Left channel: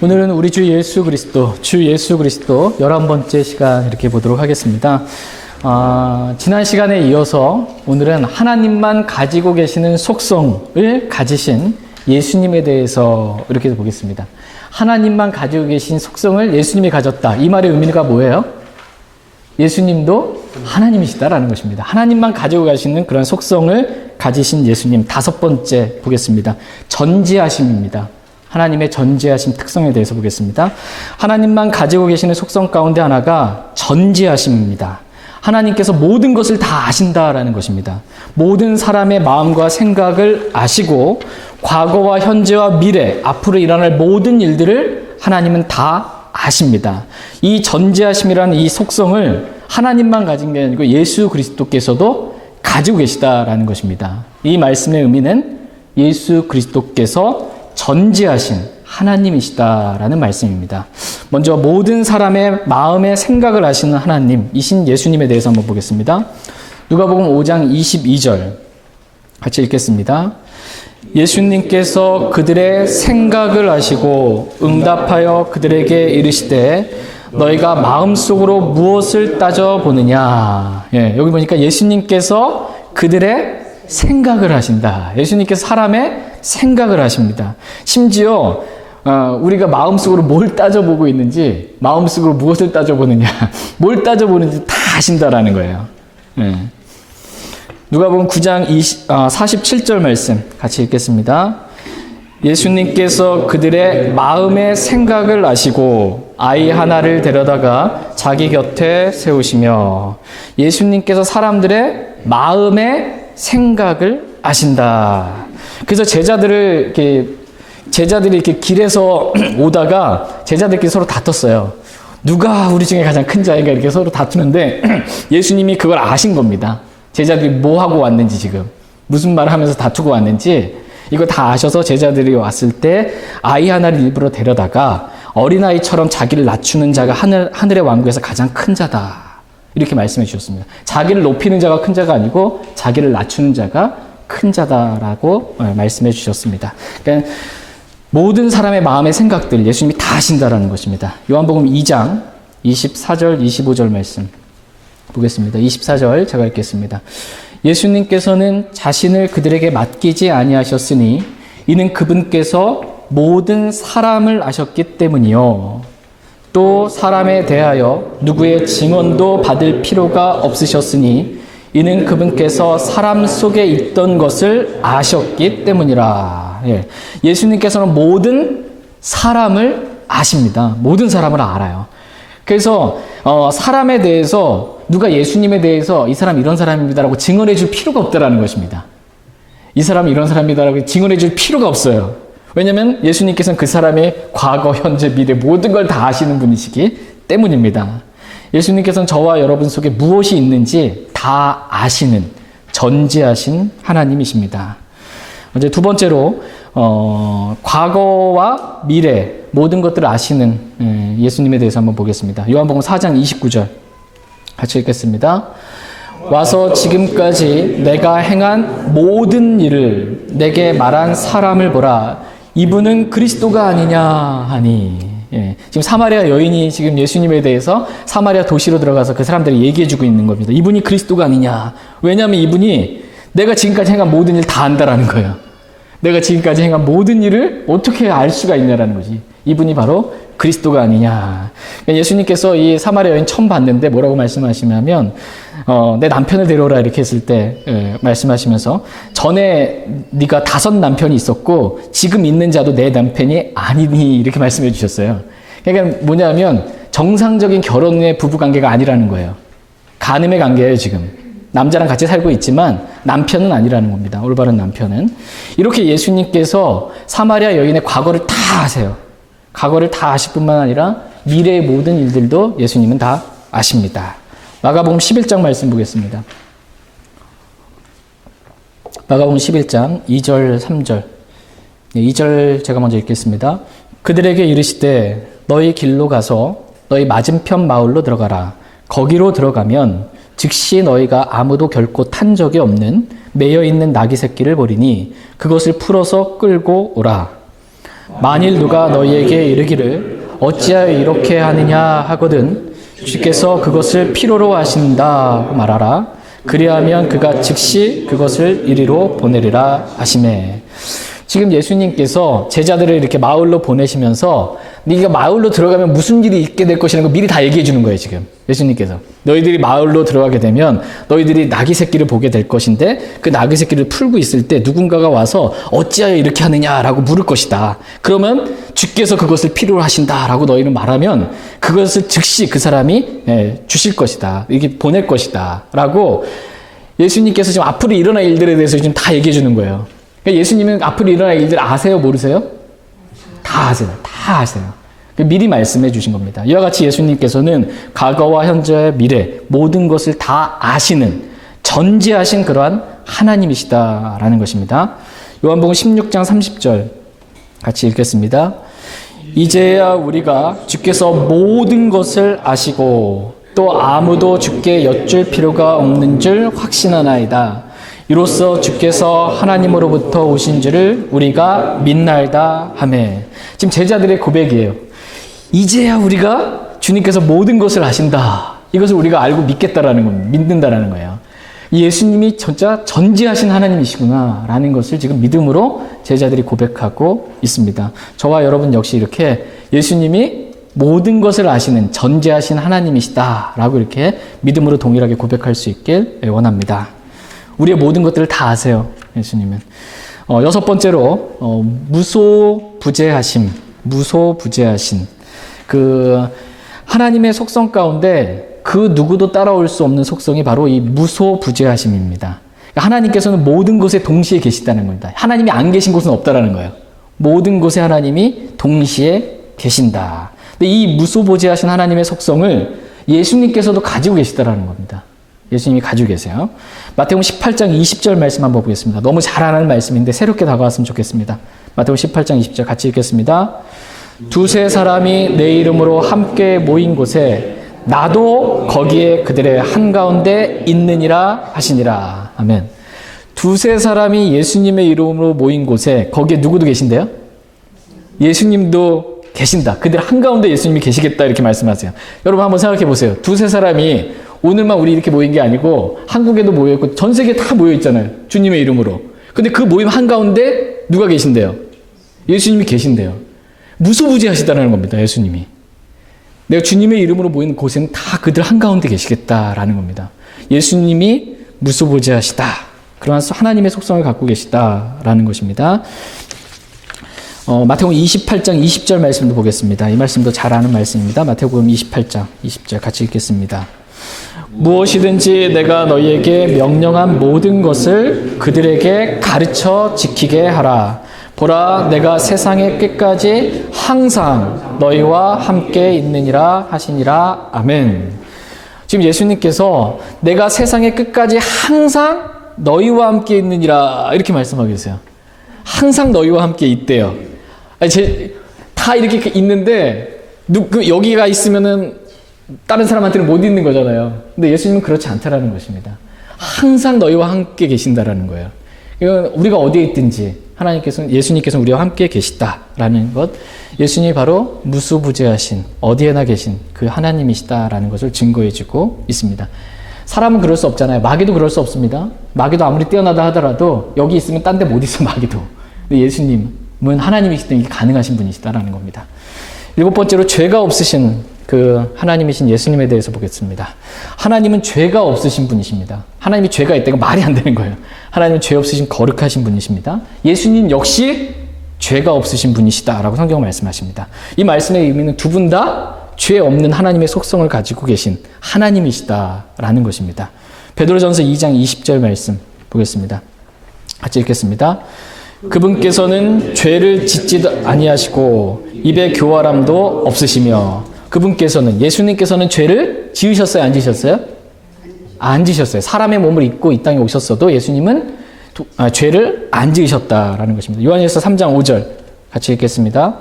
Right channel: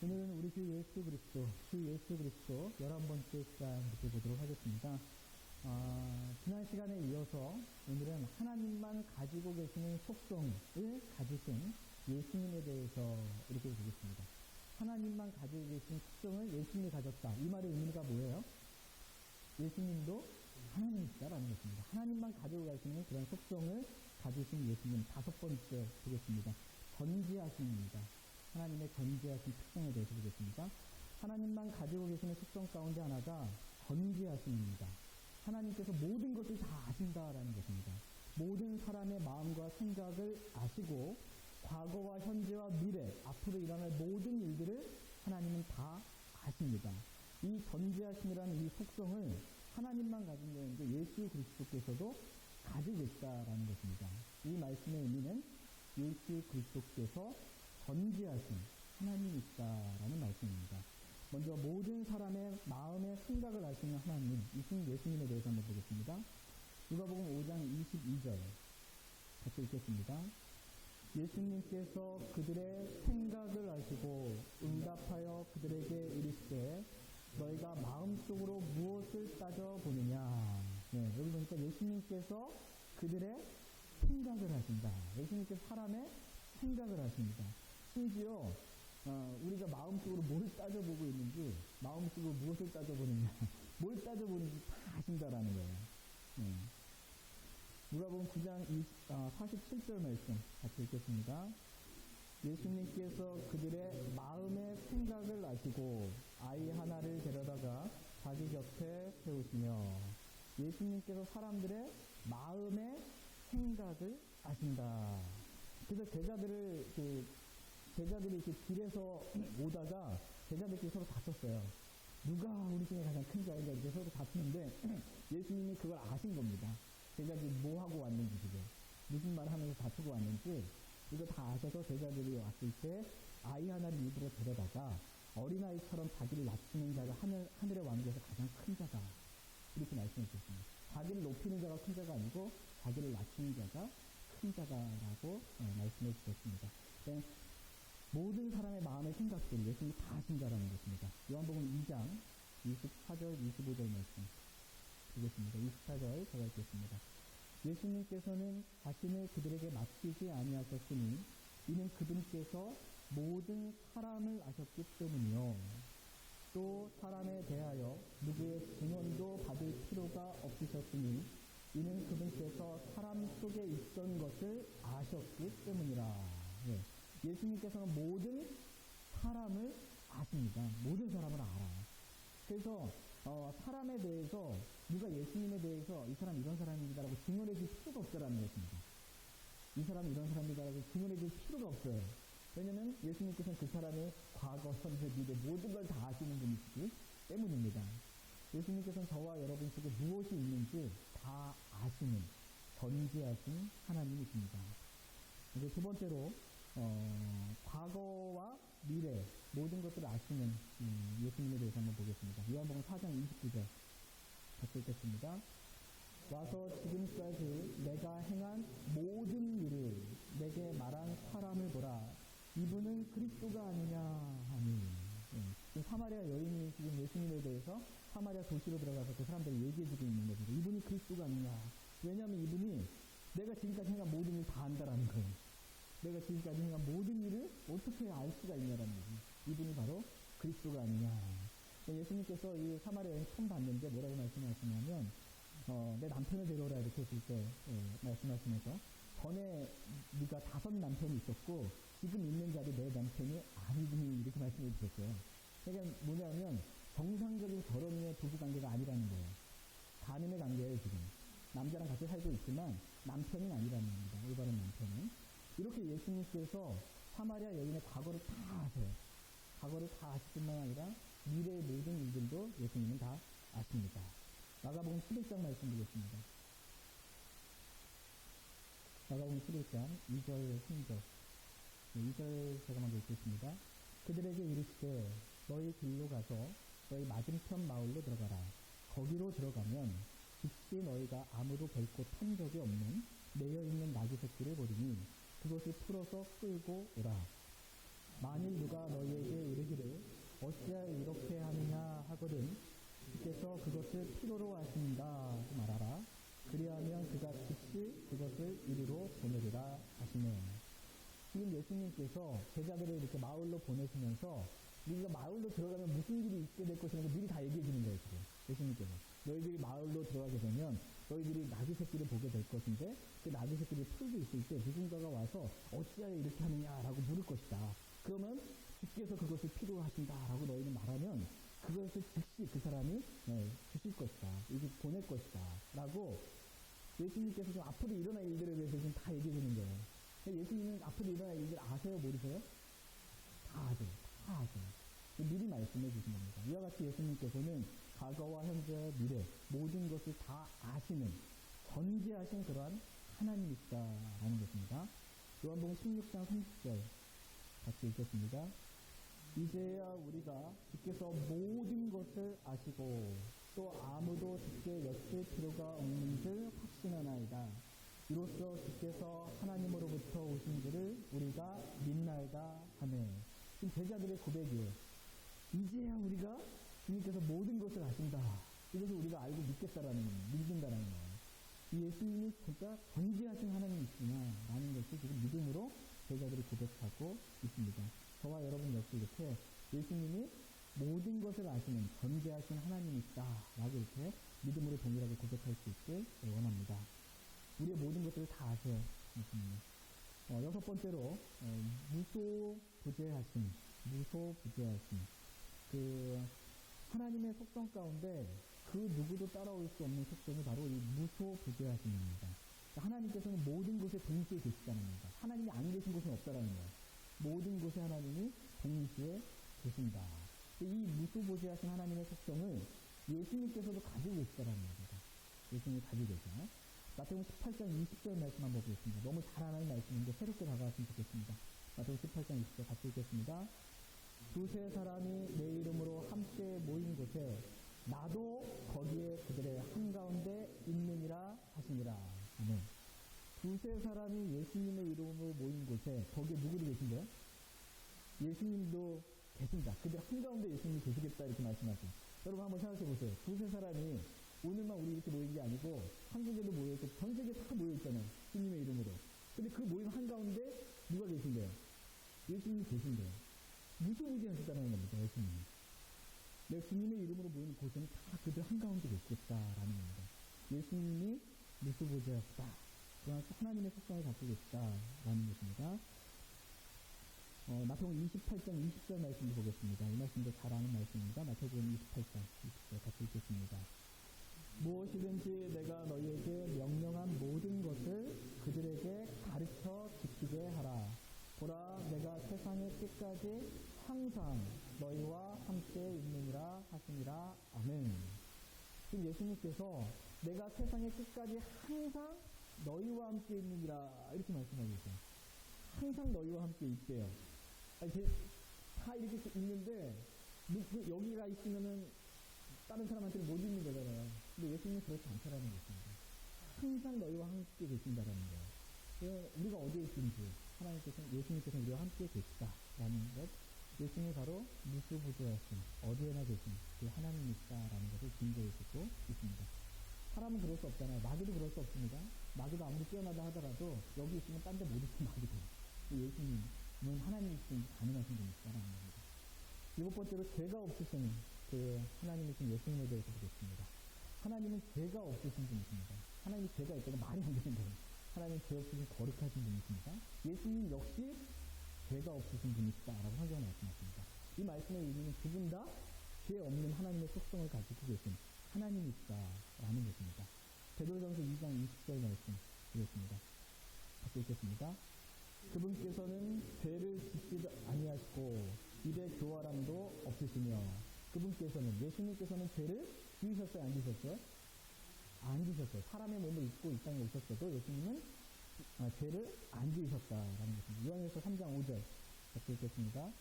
오늘은 우리 주 예수 그리스도 11번째 시간 이렇게 보도록 하겠습니다. 지난 시간에 이어서 오늘은 하나님만 가지고 계시는 속성을 가지신 예수님에 대해서 이렇게 보겠습니다. 하나님만 가지고 계신 속성을 예수님이 가졌다. 이 말의 의미가 뭐예요? 예수님도 하나님이시다라는 것입니다. 하나님만 가지고 가시는 그런 속성을 가지신 예수님. 5번째 보겠습니다. 전지하심입니다. 하나님의 전지하심 특성에 대해서 보겠습니다. 하나님만 가지고 계시는 속성 가운데 하나가 전지하심입니다. 하나님께서 모든 것을 다 아신다라는 것입니다. 모든 사람의 마음과 생각을 아시고 과거와 현재와 미래, 앞으로 일어날 모든 일들을 하나님은 다 아십니다. 이 전지하심이라는 이 속성을 하나님만 가진 게 아니고 예수 그리스도께서도 가지고 계시다라는 것입니다. 이 말씀의 의미는 예수 그리스도께서 전지하신 하나님이시다라는 말씀입니다. 먼저 모든 사람의 마음의 생각을 아시는 하나님이신 예수님에 대해서 한번 보겠습니다. 누가복음 5장 22절 같이 읽겠습니다. 예수님께서 그들의 생각을 아시고 응답하여 그들에게 이르시되 너희가 마음속으로 무엇을 따져보느냐. 여기 보니까 예수님께서 그들의 생각을 하신다. 예수님께서 사람의 생각을 하십니다. 심지어 우리가 마음속으로 뭘 따져보고 있는지, 마음속으로 무엇을 따져보느냐, 뭘 따져보는지 다 아신다라는 거예요. 누가복음 9장 47절 말씀 같이 읽겠습니다. 예수님께서 그들의 마음의 생각을 아시고 아이 하나를 데려다가 자기 곁에 세우시며, 예수님께서 사람들의 마음의 생각을 아신다. 그래서 제자들이 이렇게 길에서 오다가 제자들끼리 서로 다퉜어요. 누가 우리 중에 가장 큰 자인가 이렇게 서로 다투는데 예수님이 그걸 아신 겁니다. 제자들이 뭐 하고 왔는지, 지금 무슨 말을 하면서 다투고 왔는지 이거 다 아셔서 제자들이 왔을 때 아이 하나를 일부러 데려다가 어린아이처럼 자기를 낮추는 자가 하늘의 왕국에서 가장 큰 자다. 이렇게 말씀해 주셨습니다. 자기를 높이는 자가 큰 자가 아니고 자기를 낮추는 자가 큰 자다라고 말씀해 주셨습니다. 그러니까 모든 사람의 마음의 생각들 예수님이 다 아신다라는 것입니다. 요한복음 2장 24절 25절 말씀 보겠습니다. 24절 제가 읽겠습니다. 예수님께서는 자신을 그들에게 맡기지 아니하셨으니 이는 그분께서 모든 사람을 아셨기 때문이요. 또 사람에 대하여 누구의 증언도 받을 필요가 없으셨으니 이는 그분께서 사람 속에 있던 것을 아셨기 때문이라. 예수님께서는 모든 사람을 아십니다. 모든 사람을 알아요. 그래서 사람에 대해서 누가 예수님에 대해서 이 사람 이런 사람입니다라고 증언해 줄 필요가 없다라는 것입니다. 이 사람이 이런 사람이다라고 증언해 줄 필요가 없어요. 왜냐하면 예수님께서는 그 사람의 과거, 현재, 미래 모든 걸 다 아시는 분이시기 때문입니다. 예수님께서는 저와 여러분 속에 무엇이 있는지 다 아시는 전지하신 하나님이십니다. 이제 두 번째로 과거와 미래 모든 것들을 아시는 예수님에 대해서 한번 보겠습니다. 요한복음 4장 29절 같이 읽겠습니다. 와서 지금까지 내가 행한 모든 일을 내게 말한 사람을 보라. 이분은 그리스도가 아니냐 하니. 지금 사마리아 여인이 지금 예수님에 대해서 사마리아 도시로 들어가서 그 사람들이 얘기해주고 있는 겁니다. 이분이 그리스도가 아니냐. 왜냐하면 이분이 내가 지금까지 행한 모든 일 다 안다라는 거예요. 내가 지금까지 행한 모든 일을 어떻게 알 수가 있냐라는 거지. 이분이 바로 그리스도가 아니냐. 예수님께서 이 사마리아 여인 처음 봤는데 뭐라고 말씀하시냐면 내 남편을 데려오라 이렇게 했을 때 말씀하시면서 전에 네가 5 남편이 있었고 지금 있는 자도 내 남편이 아니니 이렇게 말씀해 주셨어요. 그러니까 뭐냐면 정상적인 결혼의 부부관계가 아니라는 거예요. 간음의 관계예요. 지금 남자랑 같이 살고 있지만 남편은 아니라는 겁니다. 올바른 남편은. 이렇게 예수님께서 사마리아 여인의 과거를 다 아세요. 과거를 다 아실 뿐만 아니라 미래의 모든 일들도 예수님은 다 아십니다. 마가복음 11장 말씀 보겠습니다. 마가복음 11장 2절 3절 2절 제가 먼저 읽겠습니다. 그들에게 이르시되 너희 길로 가서 너희 맞은편 마을로 들어가라. 거기로 들어가면 즉시 너희가 아무도 결코 탄 적이 없는 매여 있는 나귀 새끼를 보리니 그것을 풀어서 끌고 오라. 만일 누가 너희에게 이르기를 어찌하여 이렇게 하느냐 하거든 주께서 그것을 필요로 하신다 말하라. 그리하면 그가 즉시 그것을 이리로 보내리라 하시매. 지금 예수님께서 제자들을 이렇게 마을로 보내시면서 네가 마을로 들어가면 무슨 일이 있게 될 것이라는 걸 미리 다 얘기해 주는 거예요. 지금 예수님께서 너희들이 마을로 들어가게 되면 너희들이 나귀 새끼를 보게 될 것인데 그 나귀 새끼를 풀고 있을 때 누군가가 와서 어찌하여 이렇게 하느냐라고 물을 것이다. 그러면 주께서 그것을 필요로 하신다라고 너희는 말하면 그것을 즉시 그 사람이 주실 것이다. 이게 보낼 것이다 라고 예수님께서 지금 앞으로 일어날 일들에 대해서 지금 다 얘기해 주는 거예요. 그러니까 예수님은 앞으로 일어날 일들 아세요? 모르세요? 다 아세요. 다 아세요. 미리 말씀해 주신 겁니다. 이와 같이 예수님께서는 과거와 현재, 미래 모든 것을 다 아시는 전지하신 그러한 하나님이시다라는 것입니다. 요한복음 16장 30절 같이 읽겠습니다. 이제야 우리가 주께서 모든 것을 아시고 또 아무도 주께 여쭐 필요가 없는 줄 확신하나이다. 이로써 주께서 하나님으로부터 오신 줄을 우리가 믿나이다 하매. 지금 제자들의 고백이에요. 이제야 우리가 주님께서 모든 것을 아신다. 이것을 우리가 알고 믿겠다라는 겁니다. 믿는다라는 거예요. 예수님이 진짜 전지하신 하나님이시구나 라는 것을 지금 믿음으로 제자들이 고백하고 있습니다. 저와 여러분 역시 이렇게 예수님이 모든 것을 아시는 전지하신 하나님이시다 라고 이렇게 믿음으로 동일하게 고백할 수 있길 원합니다. 우리의 모든 것들을 다 아세요. 예수님은. 여섯 번째로 무소부재하심. 그 하나님의 속성 가운데 그 누구도 따라올 수 없는 속성이 바로 이 무소부재하심입니다. 하나님께서는 모든 곳에 동시에 계시다는 겁니다. 하나님이 안 계신 곳은 없다라는 거예요. 모든 곳에 하나님이 동시에 계신다. 근데 이 무소부재하신 하나님의 속성을 예수님께서도 가지고 계시다라는 겁니다. 예수님이 가지고 계세요. 마태복음 18장 20절 말씀 한번 보겠습니다. 너무 잘 아는 말씀인데 새롭게 다가왔으면 좋겠습니다. 마태복음 18장 20절 같이 읽겠습니다. 두세 사람이 내 이름으로 함께 모인 곳에 나도 거기에 그들의 한가운데 있느니라 하시니라. 아멘. 두세 사람이 예수님의 이름으로 모인 곳에 거기에 누구도 계신데요? 예수님도 계신다. 그들 한가운데 예수님이 계시겠다 이렇게 말씀하세요. 여러분 한번 생각해 보세요. 두세 사람이 오늘만 우리 이렇게 모인 게 아니고 한국에도 모여있고 전 세계에 다 모여있잖아요. 주님의 이름으로. 근데 그 모임 한가운데 누가 계신대요? 예수님이 계신대요. 무소부재하시다는 겁니다. 예수님이. 내가 주님의 이름으로 모이는 곳에는 다 그들 한가운데 계시겠다라는 겁니다. 예수님이 무소부재하시다. 그러한 하나님의 속성을 갖고 계시다라는 것입니다. 마태복음 28장 20절 말씀도 보겠습니다. 이 말씀도 잘 아는 말씀입니다. 마태복음 28장 20절 같이 읽겠습니다. 무엇이든지 내가 너희에게 명령한 모든 것을 그들에게 가르쳐 지키게 하라. 보라, 내가 세상의 끝까지 항상 너희와 함께 있느니라 하시니라. 아멘. 지금 예수님께서 내가 세상의 끝까지 항상 너희와 함께 있느니라 이렇게 말씀하고 계세요. 항상 너희와 함께 있대요. 다 이렇게 있는데 여기가 있으면은 다른 사람한테는 못 있는 거잖아요. 근데 예수님은 그렇지 않다라는 것입니다. 항상 너희와 함께 계신다라는 거예요. 이건 우리가 어디에 있든지 예수님께서는 우리와 함께 계시다라는 것, 예수님이 바로 무소부재하신 어디에나 계신 그 하나님이시다라는 것을 증거해주고 있습니다. 사람은 그럴 수 없잖아요. 마귀도 그럴 수 없습니다. 마귀도 아무리 뛰어나다 하더라도 여기 있으면 딴 데 못 있어 마귀도. 근데 예수님은 하나님이시기 때문에 가능하신 분이시다라는 겁니다. 일곱 번째로 죄가 없으신 그 하나님이신 예수님에 대해서 보겠습니다. 하나님은 죄가 없으신 분이십니다. 하나님이 죄가 있다가 말이 안 되는 거예요. 하나님은 죄 없으신 거룩하신 분이십니다. 예수님 역시 죄가 없으신 분이시다라고 성경은 말씀하십니다. 이 말씀의 의미는 두 분 다 죄 없는 하나님의 속성을 가지고 계신 하나님이시다라는 것입니다. 베드로전서 2장 20절 말씀 보겠습니다. 같이 읽겠습니다. 그분께서는 죄를 짓지도 아니하시고 입에 교활함도 없으시며, 그분께서는 예수님께서는 죄를 지으셨어요? 안 지으셨어요? 안 지으셨어요. 사람의 몸을 입고 이 땅에 오셨어도 예수님은 죄를 안 지으셨다라는 것입니다. 요한일서 3장 5절 같이 읽겠습니다.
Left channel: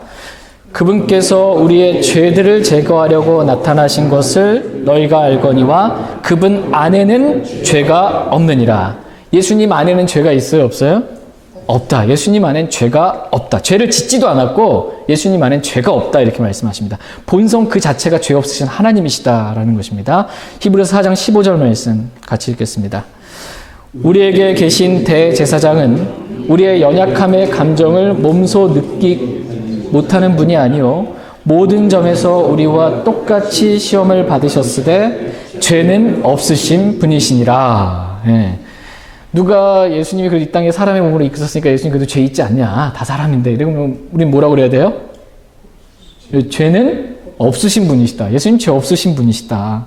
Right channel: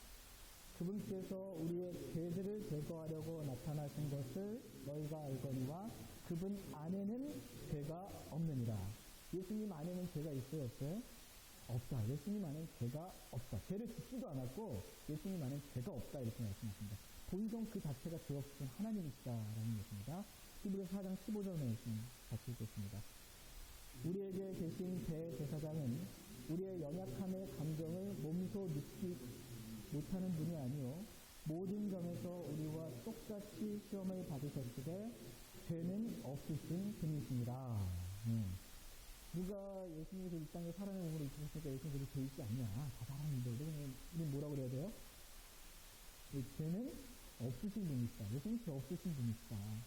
그분께서 우리의 죄들을 제거하려고 나타나신 것을 너희가 알거니와 그분 안에는 죄가 없느니라. 예수님 안에는 죄가 있어요? 없어요? 없다. 예수님 안엔 죄가 없다. 죄를 짓지도 않았고 예수님 안엔 죄가 없다. 이렇게 말씀하십니다. 본성 그 자체가 죄 없으신 하나님이시다라는 것입니다. 히브리서 4장 15절 말씀 같이 읽겠습니다. 우리에게 계신 대제사장은 우리의 연약함의 감정을 몸소 느끼 못하는 분이 아니요 모든 점에서 우리와 똑같이 시험을 받으셨으되 죄는 없으신 분이시니라. 예. 누가 예수님이 이 땅에 사람의 몸으로 이끄셨으니까 예수님 그래도 죄 있지 않냐? 다 사람인데. 이러면 우린 뭐라고 그래야 돼요? 죄는 없으신 분이시다. 예수님 죄 없으신 분이시다.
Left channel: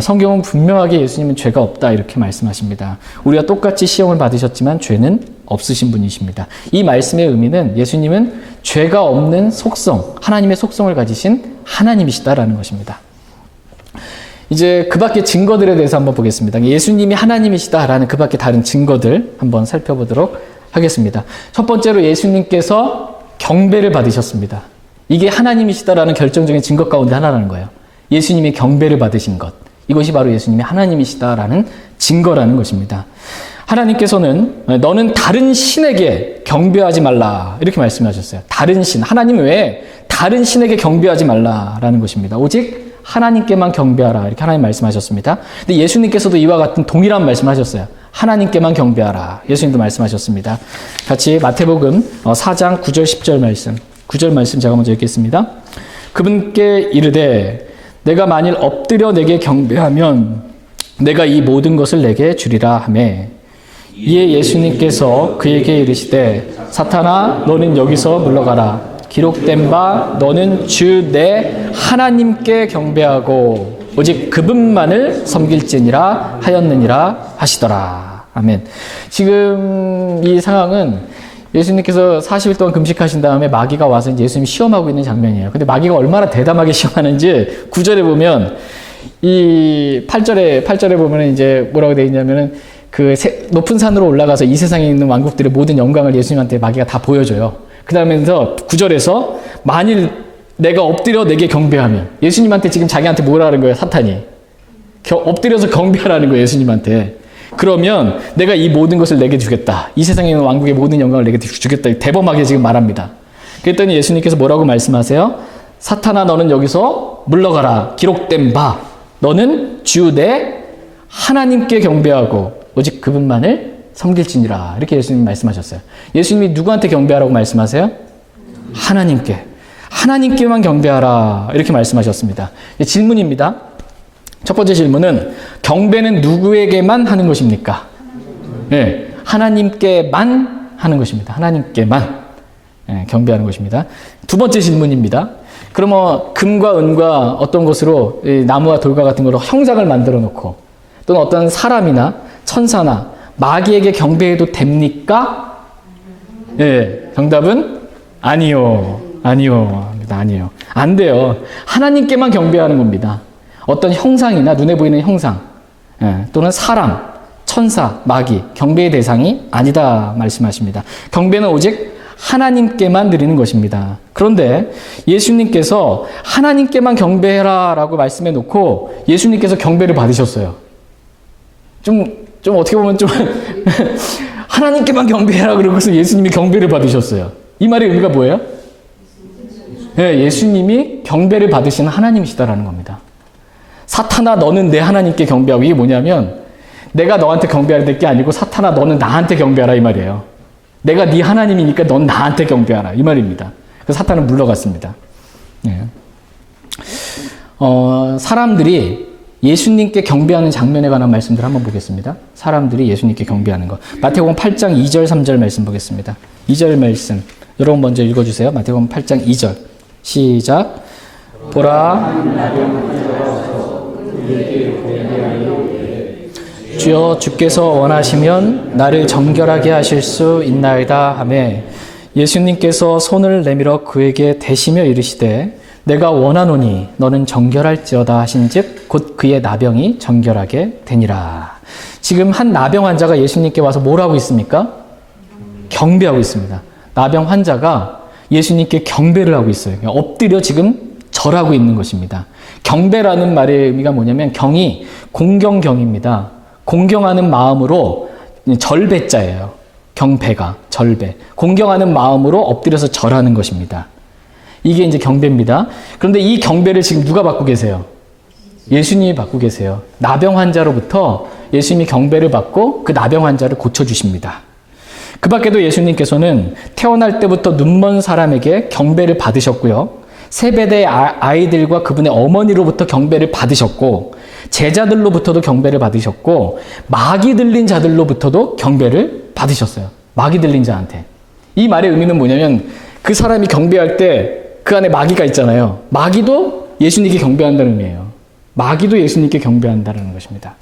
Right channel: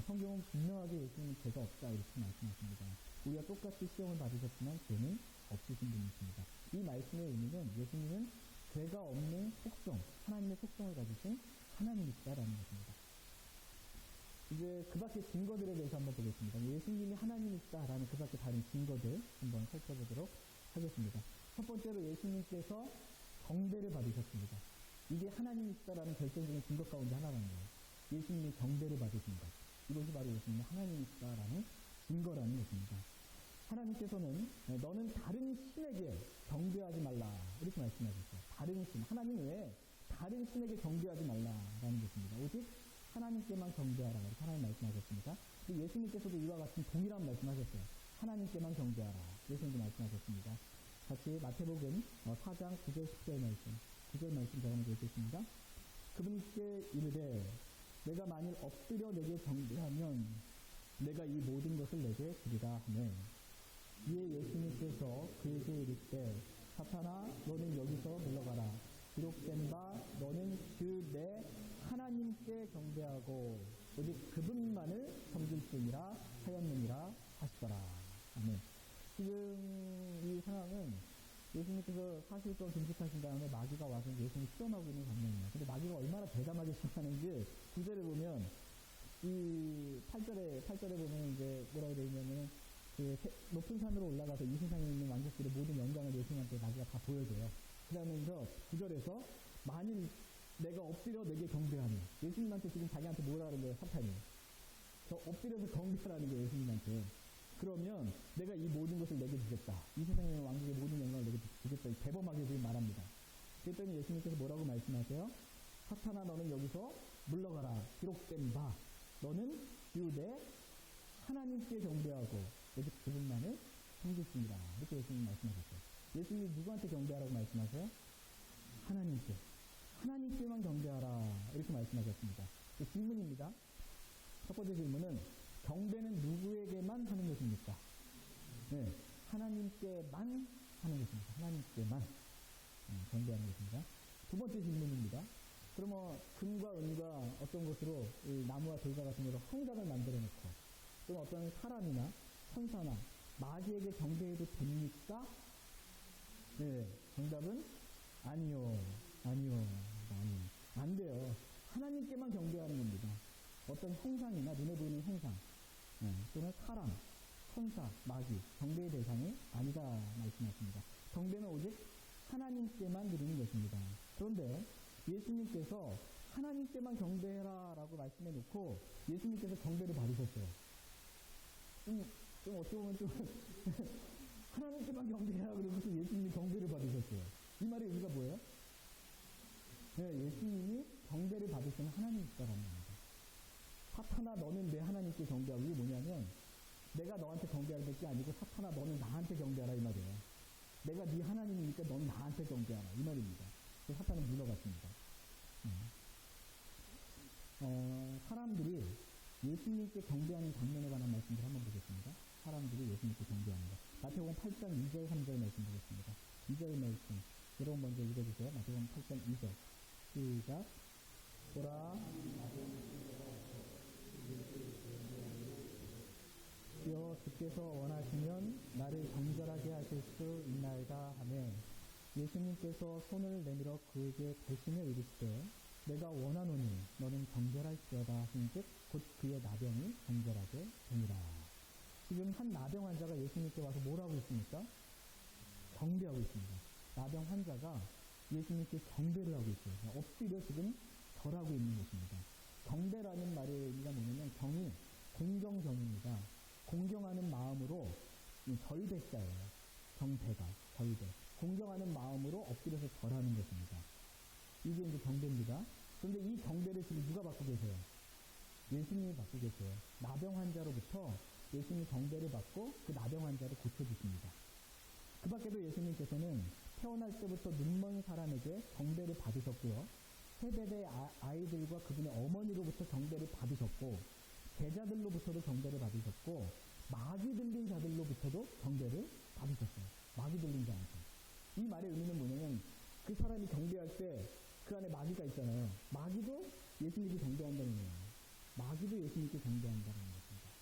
성경은 분명하게 예수님은 죄가 없다 이렇게 말씀하십니다. 우리가 똑같이 시험을 받으셨지만 죄는 없으신 분이십니다. 이 말씀의 의미는 예수님은 죄가 없는 속성, 하나님의 속성을 가지신 하나님이시다라는 것입니다. 이제 그 밖의 증거들에 대해서 한번 보겠습니다. 예수님이 하나님이시다라는 그 밖의 다른 증거들 한번 살펴보도록 하겠습니다. 첫 번째로 예수님께서 경배를 받으셨습니다. 이게 하나님이시다라는 결정적인 증거 가운데 하나라는 거예요. 예수님이 경배를 받으신 것. 이것이 바로 예수님이 하나님이시다라는 증거라는 것입니다. 하나님께서는 너는 다른 신에게 경배하지 말라 이렇게 말씀하셨어요. 다른 신, 하나님 외에 다른 신에게 경배하지 말라라는 것입니다. 오직 하나님께만 경배하라 이렇게 하나님 말씀하셨습니다. 근데 예수님께서도 이와 같은 동일한 말씀하셨어요. 하나님께만 경배하라. 예수님도 말씀하셨습니다. 같이 마태복음 4장 9절 10절 말씀 9절 말씀 제가 먼저 읽겠습니다. 그분께 이르되 내가 만일 엎드려 내게 경배하면 내가 이 모든 것을 내게 주리라 하매 이에 예수님께서 그에게 이르시되 사탄아 너는 여기서 물러가라. 기록된 바 너는 주 내 하나님께 경배하고 오직 그분만을 섬길지니라 하였느니라 하시더라. 아멘. 지금 이 상황은 예수님께서 40일 동안 금식하신 다음에 마귀가 와서 이제 예수님 시험하고 있는 장면이에요. 근데 마귀가 얼마나 대담하게 시험하는지 9절에 보면 이 8절에 보면 이제 뭐라고 되어 있냐면은 그 높은 산으로 올라가서 이 세상에 있는 왕국들의 모든 영광을 예수님한테 마귀가 다 보여줘요. 그 다음에서 9절에서 만일 내가 엎드려 내게 경배하면 예수님한테 지금 자기한테 뭐라는 거예요, 사탄이. 엎드려서 경배하라는 거예요, 예수님한테. 그러면 내가 이 모든 것을 내게 주겠다. 이 세상에 있는 왕국의 모든 영광을 내게 주겠다. 대범하게 지금 말합니다. 그랬더니 예수님께서 뭐라고 말씀하세요? 사탄아 너는 여기서 물러가라. 기록된 바 너는 주 내 하나님께 경배하고 오직 그분만을 섬길지니라. 이렇게 예수님이 말씀하셨어요. 예수님이 누구한테 경배하라고 말씀하세요? 하나님께. 하나님께만 경배하라. 이렇게 말씀하셨습니다. 질문입니다. 첫 번째 질문은 경배는 누구에게만 하는 것입니까? 네, 하나님께만 하는 것입니다. 하나님께만 경배하는 것입니다. 두 번째 질문입니다. 그러면 금과 은과 어떤 것으로 나무와 돌과 같은 거로 형상을 만들어 놓고 또는 어떤 사람이나 천사나 마귀에게 경배해도 됩니까? 네, 정답은 아니요. 아니요. 아니요. 안 돼요. 하나님께만 경배하는 겁니다. 어떤 형상이나 눈에 보이는 형상 또는 사람, 천사, 마귀, 경배의 대상이 아니다 말씀하십니다. 경배는 오직 하나님께만 드리는 것입니다. 그런데 예수님께서 하나님께만 경배해라 라고 말씀해 놓고 예수님께서 경배를 받으셨어요. 좀 어떻게 보면 좀 하나님께만 경배해라 그러고서 예수님이 경배를 받으셨어요. 이 말의 의미가 뭐예요? 네, 예수님이 경배를 받으시는 하나님이시다라는 겁니다. 사탄아 너는 내 하나님께 경배하고 이게 뭐냐면 내가 너한테 경배해야 될 게 아니고 사탄아 너는 나한테 경배하라 이 말이에요. 내가 네 하나님이니까 넌 나한테 경배하라 이 말입니다. 그래서 사탄은 물러갔습니다. 네. 사람들이 예수님께 경배하는 장면에 관한 말씀들 한번 보겠습니다. 사람들이 예수님께 경배하는 것. 마태복음 8장 2절 3절 말씀 보겠습니다. 2절 말씀 여러분 먼저 읽어주세요. 마태복음 8장 2절 시작. 보라 주여 주께서 원하시면 나를 정결하게 하실 수 있나이다 하매 예수님께서 손을 내밀어 그에게 대시며 이르시되 내가 원하노니 너는 정결할지어다 하신즉 곧 그의 나병이 정결하게 되니라. 지금 한 나병 환자가 예수님께 와서 뭘 하고 있습니까? 경배하고 있습니다. 나병 환자가 예수님께 경배를 하고 있어요. 엎드려 지금 절하고 있는 것입니다. 경배라는 말의 의미가 뭐냐면 경이 공경경입니다. 공경하는 마음으로 절배자예요. 경배가, 절배. 공경하는 마음으로 엎드려서 절하는 것입니다. 이게 이제 경배입니다. 그런데 이 경배를 지금 누가 받고 계세요? 예수님이 받고 계세요. 나병 환자로부터 예수님이 경배를 받고 그 나병 환자를 고쳐주십니다. 그 밖에도 예수님께서는 태어날 때부터 눈먼 사람에게 경배를 받으셨고요. 세베대의 아이들과 그분의 어머니로부터 경배를 받으셨고, 제자들로부터도 경배를 받으셨고, 마귀 들린 자들로부터도 경배를 받으셨어요. 마귀 들린 자한테. 이 말의 의미는 뭐냐면 그 사람이 경배할 때 그 안에 마귀가 있잖아요. 마귀도 예수님께 경배한다는 의미예요. 마귀도 예수님께 경배한다는 것입니다.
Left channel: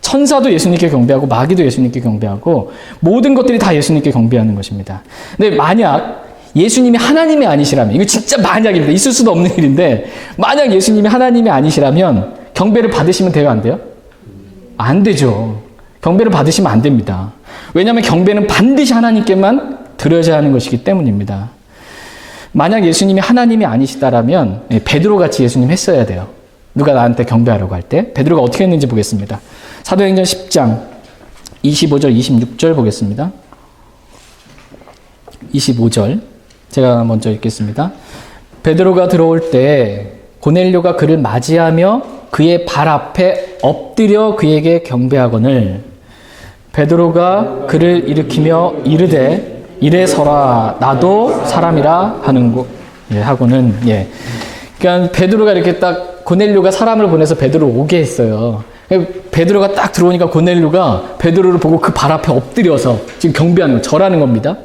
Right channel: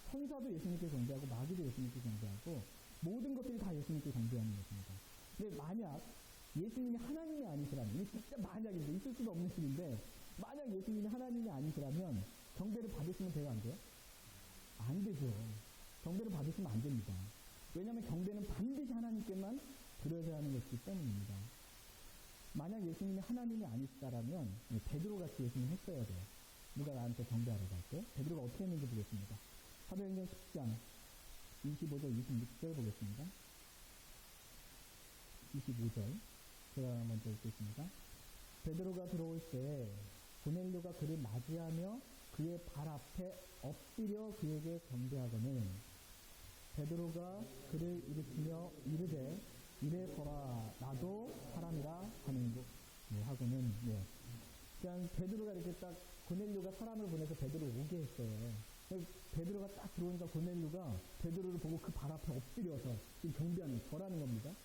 천사도 예수님께 경배하고 마귀도 예수님께 경배하고 모든 것들이 다 예수님께 경배하는 것입니다. 근데 만약 예수님이 하나님이 아니시라면, 이거 진짜 만약입니다. 있을 수도 없는 일인데, 만약 예수님이 하나님이 아니시라면 경배를 받으시면 돼요, 안 돼요? 안 되죠. 경배를 받으시면 안 됩니다. 왜냐하면 경배는 반드시 하나님께만 드려야 하는 것이기 때문입니다. 만약 예수님이 하나님이 아니시다라면 베드로같이 예수님 했어야 돼요. 누가 나한테 경배하려고 할 때 베드로가 어떻게 했는지 보겠습니다. 사도행전 10장 25절 26절 보겠습니다. 25절 제가 먼저 읽겠습니다. 베드로가 들어올 때 고넬료가 그를 맞이하며 그의 발 앞에 엎드려 그에게 경배하거늘 베드로가 그를 일으키며 이르되 이래 서라 나도 사람이라 하고는 그러니까 베드로가 이렇게 딱 고넬료가 사람을 보내서 베드로를 오게 했어요. 베드로가 딱 들어오니까 고넬료가 베드로를 보고 그 발 앞에 엎드려서 지금 경배하는 거, 절하는 겁니다.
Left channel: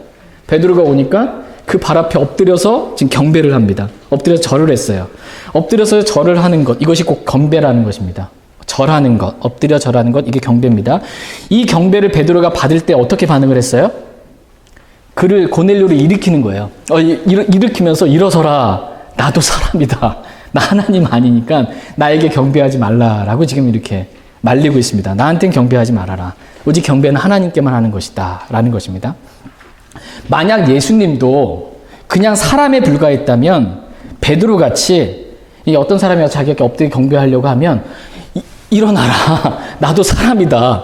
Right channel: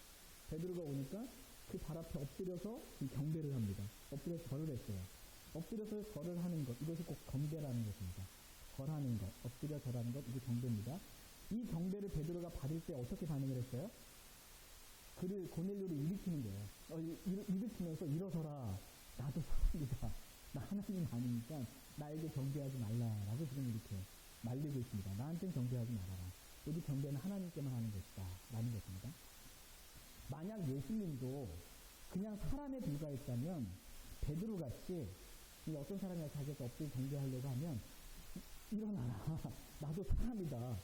베드로가 오니까 그 발 앞에 엎드려서 지금 경배를 합니다. 엎드려서 절을 했어요. 엎드려서 절을 하는 것, 이것이 꼭 경배라는 것입니다. 절하는 것, 엎드려 절하는 것, 이게 경배입니다. 이 경배를 베드로가 받을 때 어떻게 반응을 했어요? 그를 고넬료를 일으키는 거예요. 일으키면서 일어서라. 나도 사람이다. 나 하나님 아니니까 나에게 경배하지 말라라고 지금 이렇게 말리고 있습니다. 나한테는 경배하지 말아라. 오직 경배는 하나님께만 하는 것이다. 라는 것입니다. 만약 예수님도 그냥 사람에 불과했다면 베드로같이 어떤 사람이 자기에게 엎드려 경배하려고 하면 일어나라. 나도 사람이다.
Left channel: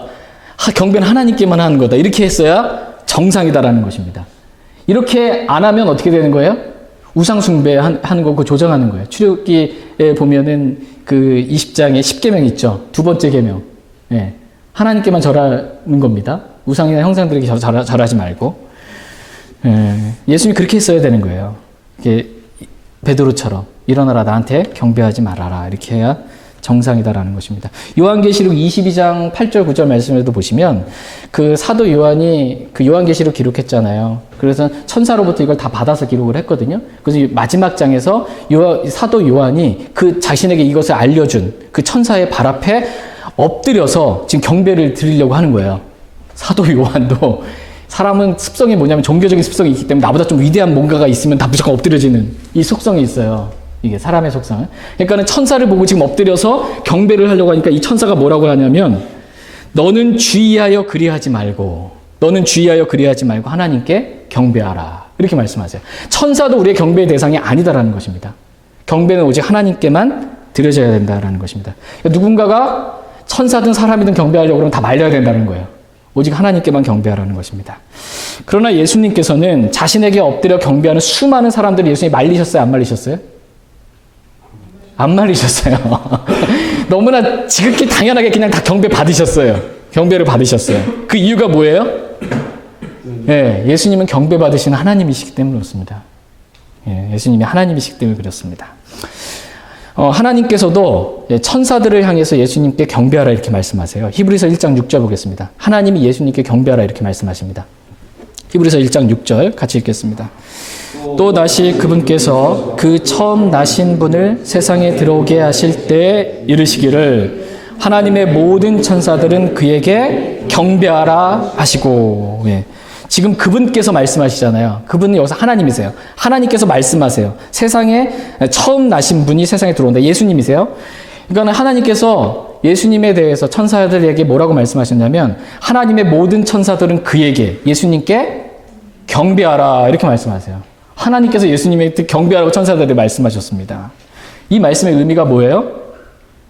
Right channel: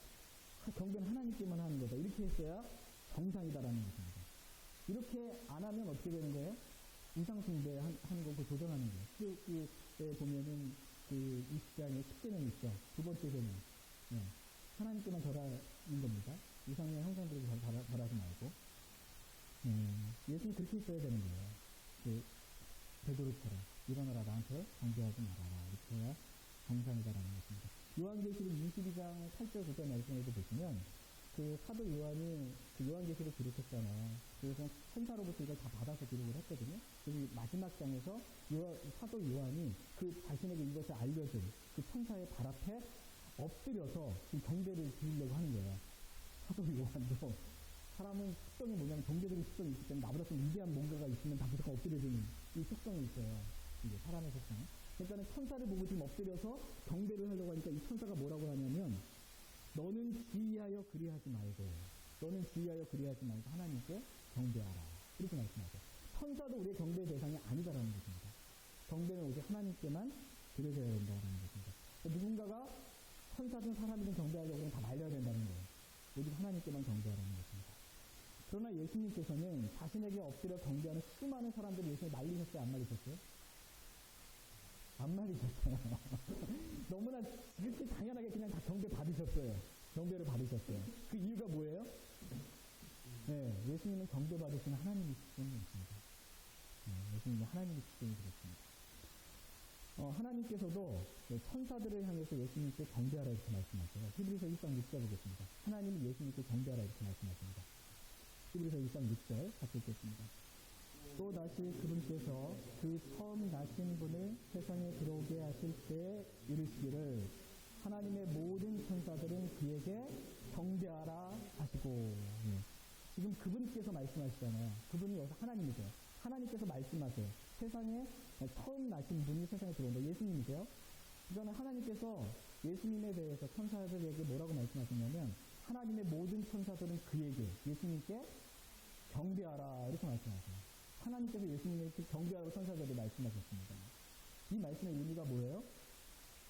경배는 하나님께만 하는 거다. 이렇게 했어야 정상이다라는 것입니다. 이렇게 안 하면 어떻게 되는 거예요? 우상숭배 하는 거고 조정하는 거예요. 출애굽기에 보면은 그 20장에 10계명 있죠. 두 번째 계명. 예. 하나님께만 절하는 겁니다. 우상이나 형상들에게 절하지 말고. 예수님이 그렇게 했어야 되는 거예요. 이게 베드로처럼 일어나라 나한테 경배하지 말아라. 이렇게 해야 정상이다라는 것입니다. 요한계시록 22장 8절 9절 말씀에도 보시면 그 사도 요한이 그 요한계시록 기록했잖아요. 그래서 천사로부터 이걸 다 받아서 기록을 했거든요. 그래서 마지막 장에서 사도 요한이 그 자신에게 이것을 알려준 그 천사의 발 앞에 엎드려서 지금 경배를 드리려고 하는 거예요. 사도 요한도 사람은 습성이 뭐냐면 종교적인 습성이 있기 때문에 나보다 좀 위대한 뭔가가 있으면 다 무조건 엎드려지는 이 속성이 있어요. 이게 사람의 속성은. 그러니까는 천사를 보고 지금 엎드려서 경배를 하려고 하니까 이 천사가 뭐라고 하냐면 너는 주의하여 그리하지 말고 하나님께 경배하라. 이렇게 말씀하세요. 천사도 우리의 경배의 대상이 아니다라는 것입니다. 경배는 오직 하나님께만 드려져야 된다라는 것입니다. 그러니까 누군가가 천사든 사람이든 경배하려고 그러면 다 말려야 된다는 거예요. 오직 하나님께만 경배하라는 것입니다. 그러나 예수님께서는 자신에게 엎드려 경배하는 수많은 사람들을 예수님이 말리셨어요? 안 말리셨어요? 안 말리셨어요. 너무나 지극히 당연하게 그냥 다 경배 받으셨어요. 경배를 받으셨어요. 그 이유가 뭐예요? 예, 예수님은 경배 받으시는 하나님이시기 때문에 그렇습니다. 예, 예수님이 하나님이시기 때문에 그렇습니다. 하나님께서도 천사들을 향해서 예수님께 경배하라 이렇게 말씀하세요. 히브리서 1장 6절 보겠습니다. 하나님이 예수님께 경배하라 이렇게 말씀하십니다. 히브리서 1장 6절 같이 읽겠습니다. 또 다시 그분께서 그 처음 나신 분을 세상에 들어오게 하실 때 이르시기를 하나님의 모든 천사들은 그에게 경배하라 하시고. 예. 지금 그분께서 말씀하시잖아요. 그분은 여기서 하나님이세요. 하나님께서 말씀하세요. 세상에 처음 나신 분이 세상에 들어온다. 예수님이세요. 그러니까 하나님께서 예수님에 대해서 천사들에게 뭐라고 말씀하셨냐면 하나님의 모든 천사들은 그에게 예수님께 경배하라 이렇게 말씀하세요. 하나님께서 예수님에게 경배하라고 천사들에게 말씀하셨습니다. 이 말씀의 의미가 뭐예요?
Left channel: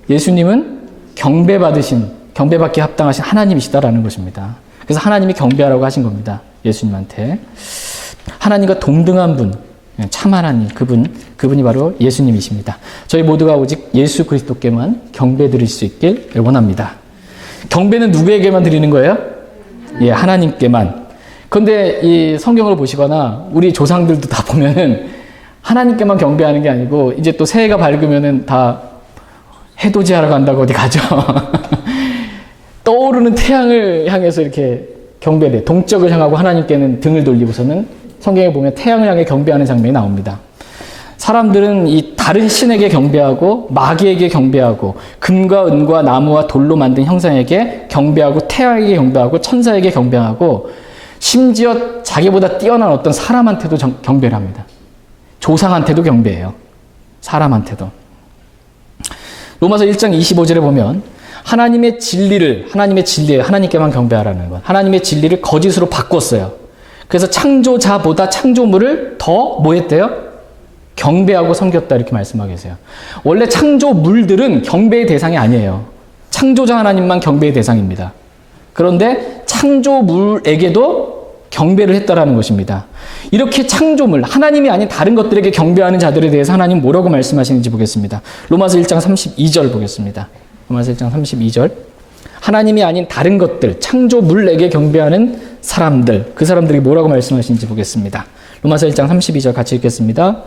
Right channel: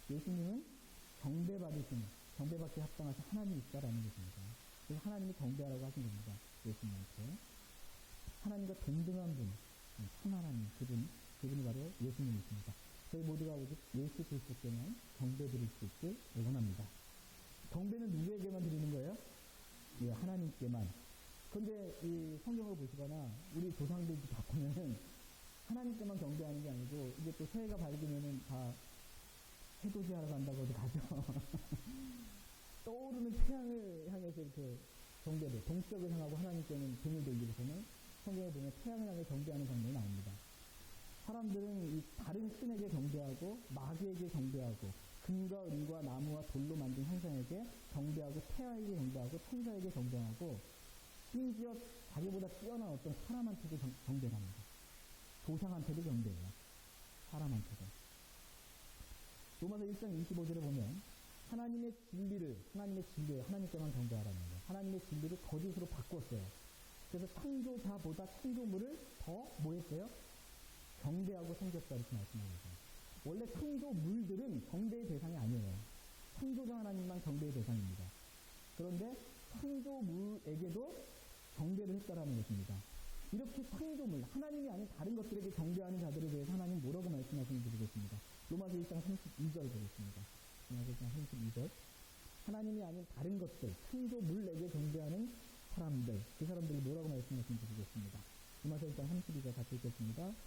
예수님은 경배받기 합당하신 하나님이시다라는 것입니다. 그래서 하나님이 경배하라고 하신 겁니다. 예수님한테. 하나님과 동등한 분, 참 하나님, 그분이 바로 예수님이십니다. 저희 모두가 오직 예수 그리스도께만 경배 드릴 수 있길 원합니다. 경배는 누구에게만 드리는 거예요? 예, 하나님께만. 그런데 이 성경을 보시거나 우리 조상들도 다 보면은 하나님께만 경배하는 게 아니고 이제 또 새해가 밝으면은 다 해돋이하러 간다고 어디 가죠. 떠오르는 태양을 향해서 이렇게 경배를 해. 동쪽을 향하고 하나님께는 등을 돌리고서는 성경에 보면 태양을 향해 경배하는 장면이 나옵니다. 사람들은 이 다른 신에게 경배하고 마귀에게 경배하고 금과 은과 나무와 돌로 만든 형상에게 경배하고 태양에게 경배하고 천사에게 경배하고 심지어 자기보다 뛰어난 어떤 사람한테도 경배를 합니다. 조상한테도 경배해요. 사람한테도. 로마서 1장 25절에 보면 하나님의 진리를 하나님께만 경배하라는 것. 하나님의 진리를 거짓으로 바꿨어요. 그래서 창조자보다 창조물을 더 뭐 했대요? 경배하고 섬겼다 이렇게 말씀하고 계세요. 원래 창조물들은 경배의 대상이 아니에요. 창조자 하나님만 경배의 대상입니다. 그런데 창조물에게도 경배를 했다라는 것입니다. 이렇게 창조물, 하나님이 아닌 다른 것들에게 경배하는 자들에 대해서 하나님 뭐라고 말씀하시는지 보겠습니다. 로마서 1장 32절 보겠습니다. 로마서 1장 32절. 하나님이 아닌 다른 것들, 창조물에게 경배하는 사람들, 그 사람들이 뭐라고 말씀하시는지 보겠습니다. 로마서 1장 32절 같이 읽겠습니다.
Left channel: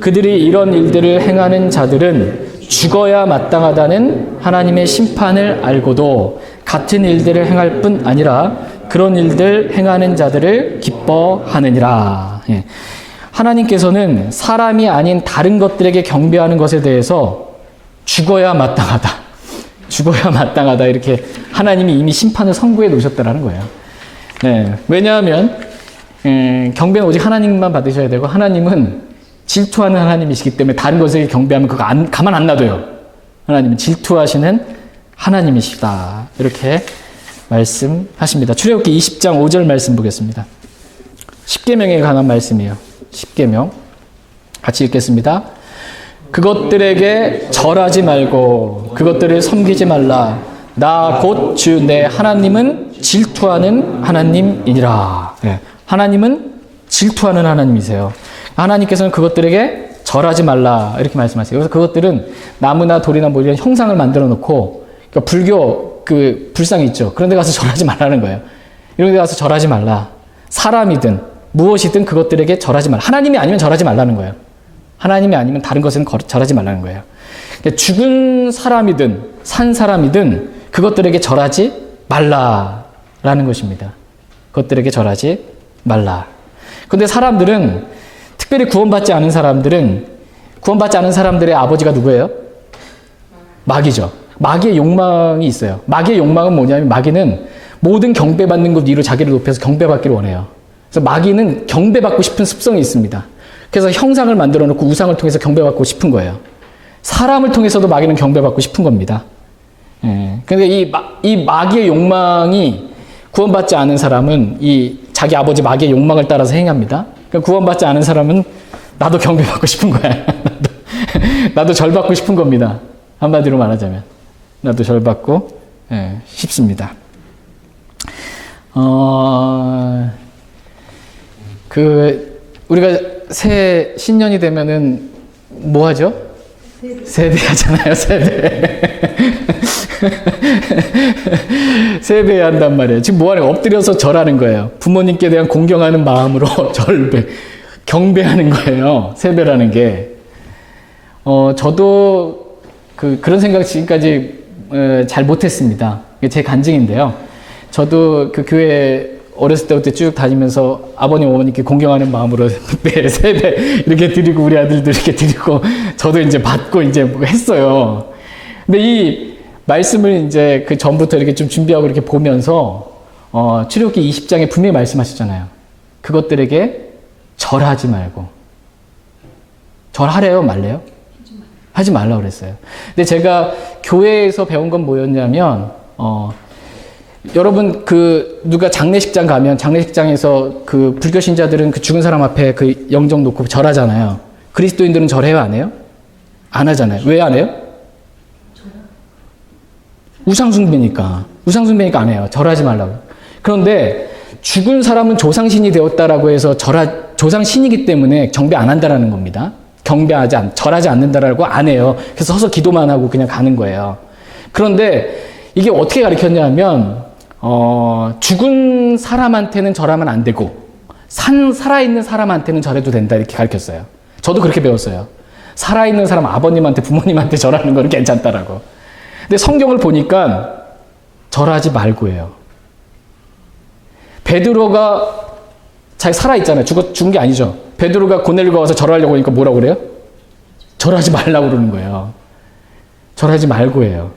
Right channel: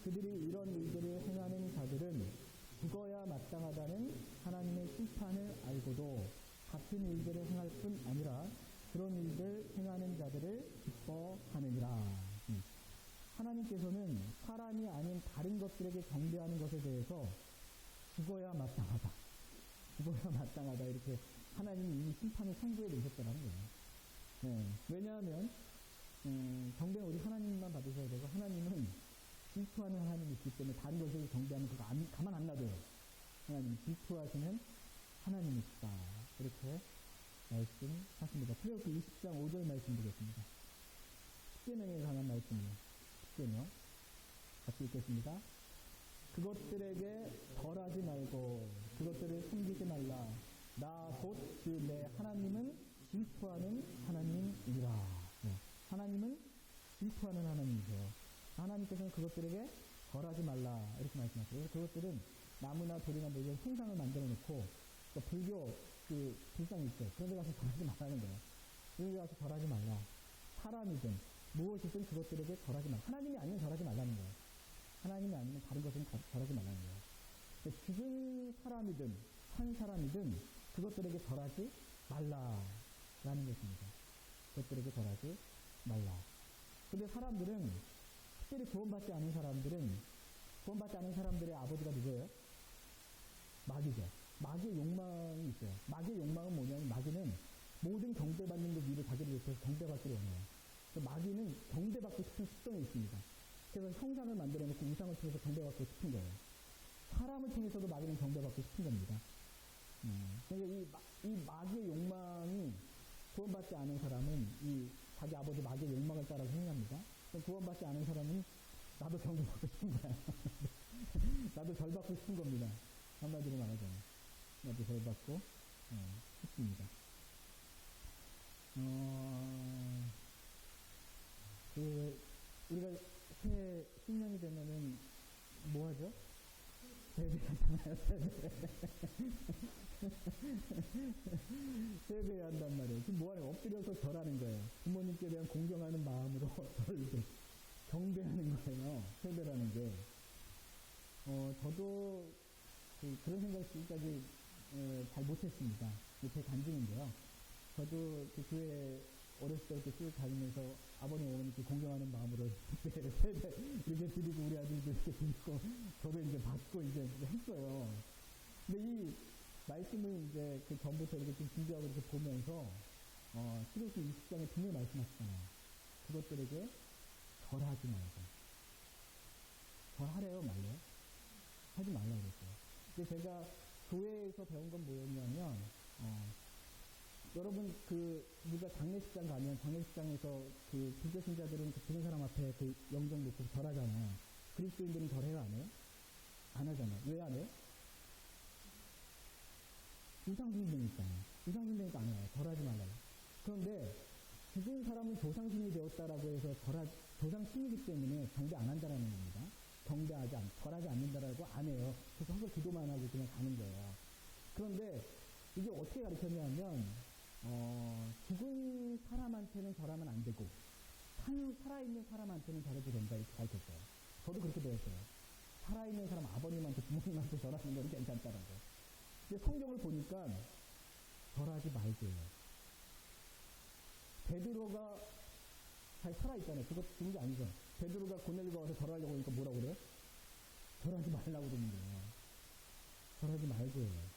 그들이 이런 일들을 행하는 자들은 죽어야 마땅하다는 하나님의 심판을 알고도 같은 일들을 행할 뿐 아니라 그런 일들 행하는 자들을 기뻐하느니라. 예. 하나님께서는 사람이 아닌 다른 것들에게 경배하는 것에 대해서 죽어야 마땅하다. 죽어야 마땅하다. 이렇게 하나님이 이미 심판을 선고해 놓으셨다라는 거예요. 네. 왜냐하면 경배는 오직 하나님만 받으셔야 되고 하나님은 질투하는 하나님이시기 때문에 다른 것에게 경배하면 그거 가만 안 놔둬요. 하나님은 질투하시는 하나님이시다. 이렇게 말씀하십니다. 출애굽기 20장 5절 말씀 보겠습니다. 십계명에 관한 말씀이에요. 십계명. 같이 읽겠습니다. 그것들에게 절하지 말고 그것들을 섬기지 말라. 나 곧 주 내 하나님은 질투하는 하나님이니라. 네. 하나님은 질투하는 하나님이세요. 하나님께서는 그것들에게 절하지 말라 이렇게 말씀하세요. 그래서 그것들은 나무나 돌이나 뭐 이런 형상을 만들어 놓고 그러니까 불교 그 불상이 있죠. 그런 데 가서 절하지 말라는 거예요. 이런 데 가서 절하지 말라. 사람이든 무엇이든 그것들에게 절하지 말라. 하나님이 아니면 절하지 말라는 거예요. 하나님이 아니면 다른 것은 절하지 말라는 거예요. 그러니까 죽은 사람이든 산 사람이든 그것들에게 절하지 말라라는 것입니다. 그것들에게 절하지 말라. 그런데 사람들은 특별히 구원받지 않은 사람들의 아버지가 누구예요? 마귀죠. 마귀의 욕망이 있어요. 마귀의 욕망은 뭐냐면 마귀는 모든 경배받는 것 위로 자기를 높여서 경배받기를 원해요. 그래서 마귀는 경배받고 싶은 습성이 있습니다. 그래서 형상을 만들어 놓고 우상을 통해서 경배받고 싶은 거예요. 사람을 통해서도 마귀는 경배받고 싶은 겁니다. 예. 근데 이 마귀의 욕망이 구원받지 않은 사람은 이 자기 아버지 마귀의 욕망을 따라서 행합니다. 구원받지 않은 사람은 나도 경배받고 싶은 거야. 나도 절받고 싶은 겁니다. 한마디로 말하자면. 나도 절받고 싶습니다. 우리가 새해 신년이 되면은 뭐 하죠? 세배 하잖아요, 세배. 세배 한단 말이에요. 지금 뭐 하는 거예요? 엎드려서 절하는 거예요. 부모님께 대한 공경하는 마음으로 경배하는 거예요. 세배라는 게. 저도 그런 생각 지금까지 잘 못했습니다. 이게 제 간증인데요. 저도 그 교회 어렸을 때부터 쭉 다니면서 아버님, 어머니께 공경하는 마음으로 세배 이렇게 드리고 우리 아들도 이렇게 드리고 저도 이제 받고 이제 했어요. 근데 이 말씀을 이제 그 전부터 이렇게 좀 준비하고 이렇게 보면서 출애굽기 20장에 분명히 말씀하셨잖아요. 그것들에게 절하지 말고. 절하래요, 말래요? 하지 말라고 그랬어요. 근데 제가 교회에서 배운 건 뭐였냐면 여러분 누가 장례식장 가면 장례식장에서 그 불교 신자들은 그 죽은 사람 앞에 그 영정 놓고 절하잖아요. 그리스도인들은 절해요, 안 해요? 안 하잖아요. 왜 안 해요? 우상숭배니까 안 해요. 절하지 말라고. 그런데 죽은 사람은 조상신이 되었다라고 해서 조상신이기 때문에 경배 안 한다라는 겁니다. 절하지 않는다라고 안 해요. 그래서 서서 기도만 하고 그냥 가는 거예요. 그런데 이게 어떻게 가르쳤냐면 죽은 사람한테는 절하면 안 되고 살아있는 사람한테는 절해도 된다 이렇게 가르쳤어요. 저도 그렇게 배웠어요. 살아있는 사람 아버님한테 부모님한테 절하는 거는 괜찮다라고. 근데 성경을 보니까 절하지 말고예요. 베드로가 잘 살아있잖아요. 죽은 게 아니죠. 베드로가 고넬료가 와서 절하려고 하니까 뭐라고 그래요? 절하지 말라고 그러는 거예요. 절하지 말고예요.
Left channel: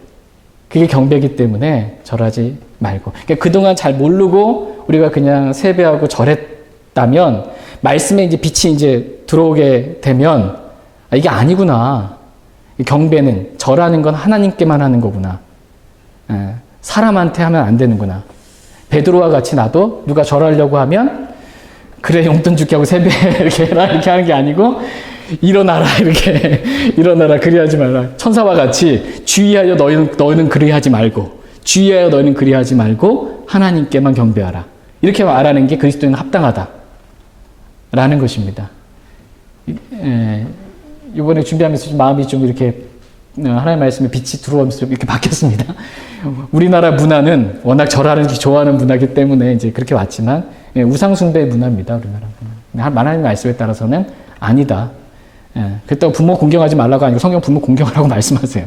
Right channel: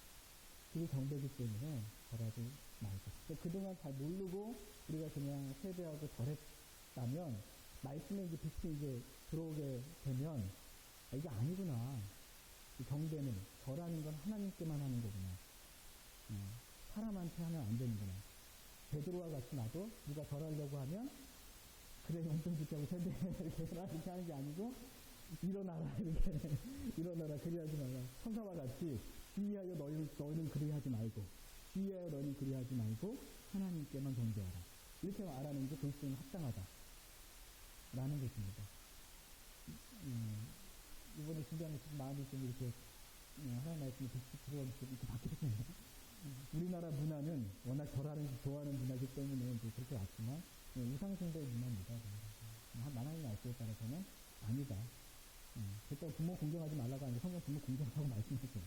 그게 경배이기 때문에 절하지 말고. 그러니까 그동안 잘 모르고 우리가 그냥 세배하고 절했다면 말씀에 이제 빛이 이제 들어오게 되면 이게 아니구나. 경배는 절하는 건 하나님께만 하는 거구나. 사람한테 하면 안 되는구나. 베드로와 같이 나도 누가 절하려고 하면 그래 용돈 줄게 하고 세배 이렇게 해라 이렇게 하는 게 아니고 일어나라 이렇게 일어나라 그리하지 말라. 천사와 같이 주의하여 너희는 그리하지 말고 주의하여 너희는 그리하지 말고 하나님께만 경배하라. 이렇게 말하는 게 그리스도인 합당하다라는 것입니다. 이번에 준비하면서 마음이 좀 이렇게 하나님의 말씀에 빛이 들어오면서 이렇게 바뀌었습니다. 우리나라 문화는 워낙 절하는 게 좋아하는 문화이기 때문에 이제 그렇게 왔지만 우상숭배 문화입니다. 우리나라 문화. 하나님의 말씀에 따라서는 아니다. 그렇다고 부모 공경하지 말라고 아니고 성경 부모 공경하라고 말씀하세요.